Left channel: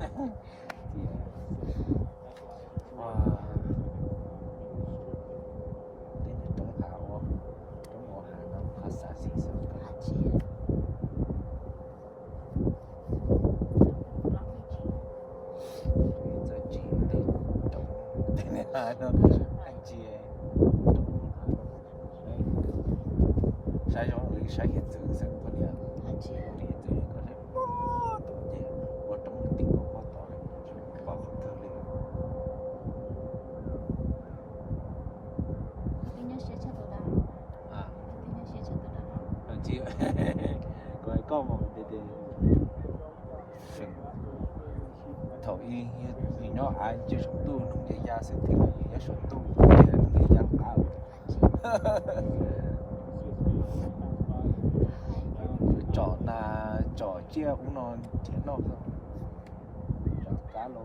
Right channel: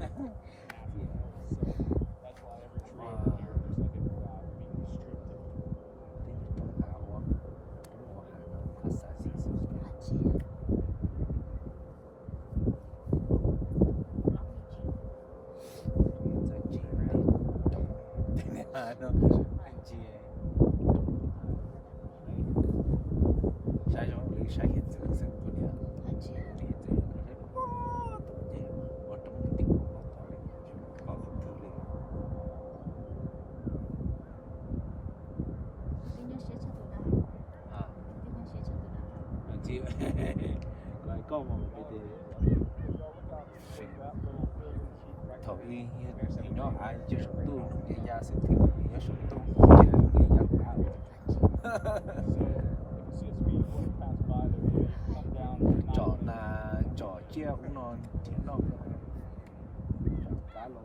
Wow. Tiếng Trung Hạ quá. Trung Quốc Hạ nó có xã sinh sự. Rồi chỉ để Trung. Thế nên là nó anh chị sai rồi sai hiện tượng sinh có địa. Anh chị hiện tượng có thể và trong tiếng của họ to này họ không thở được. À, còn chị có ai có mà bây giờ thầu y nó ai chưa sống tu không để ra sẽ thì nó sống tu để ra tạo trò là trò chia cũng non chia non rồi trò cá lô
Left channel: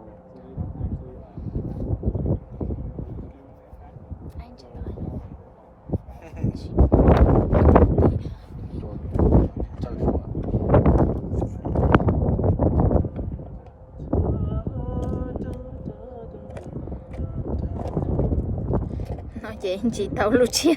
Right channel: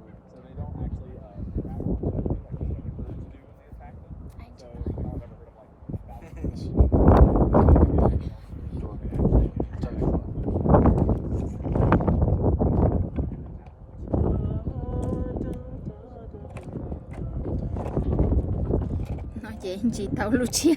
nói chị tàu luôn chia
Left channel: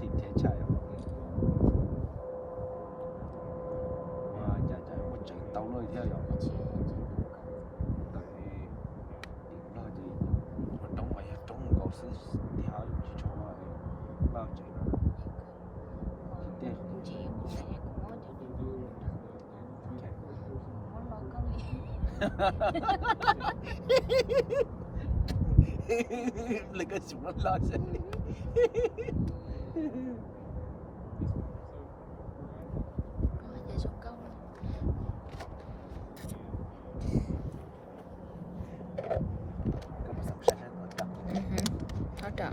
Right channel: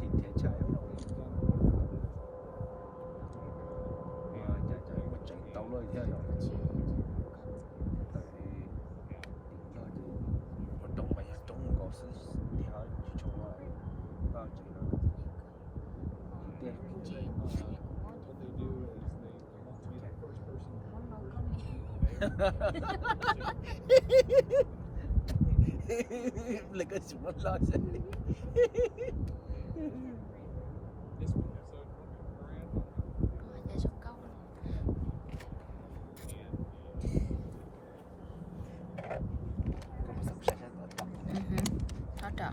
chị thế chạy và nhà chạy một trận tàu lôi theo dõi tại vì nó gì một trong mấy trong có sự theo cho bao chị đó lấy cái súng lo sẽ hỗ trợ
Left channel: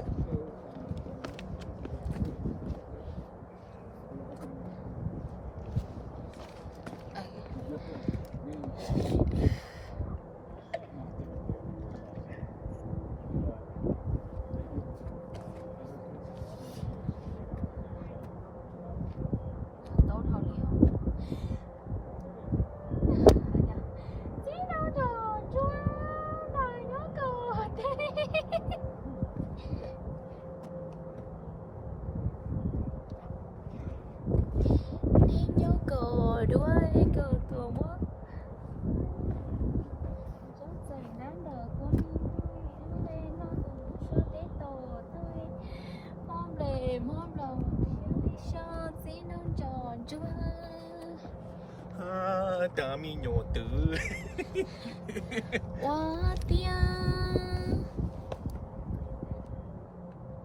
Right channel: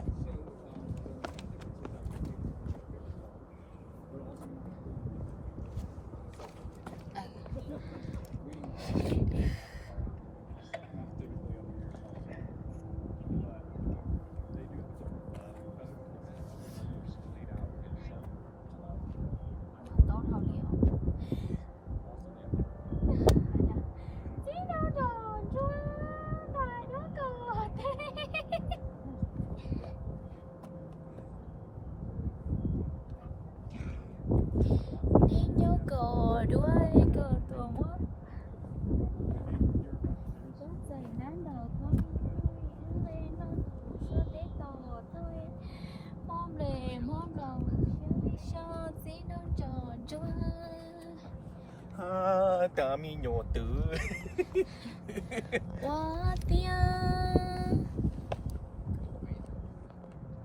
đuôi cờ tùa mất rốt dày nán đờ của mình lên nó sơ tế tổ tôi mom lòng cho dĩ non tròn chúa ta mi nhổ tử quá tiếng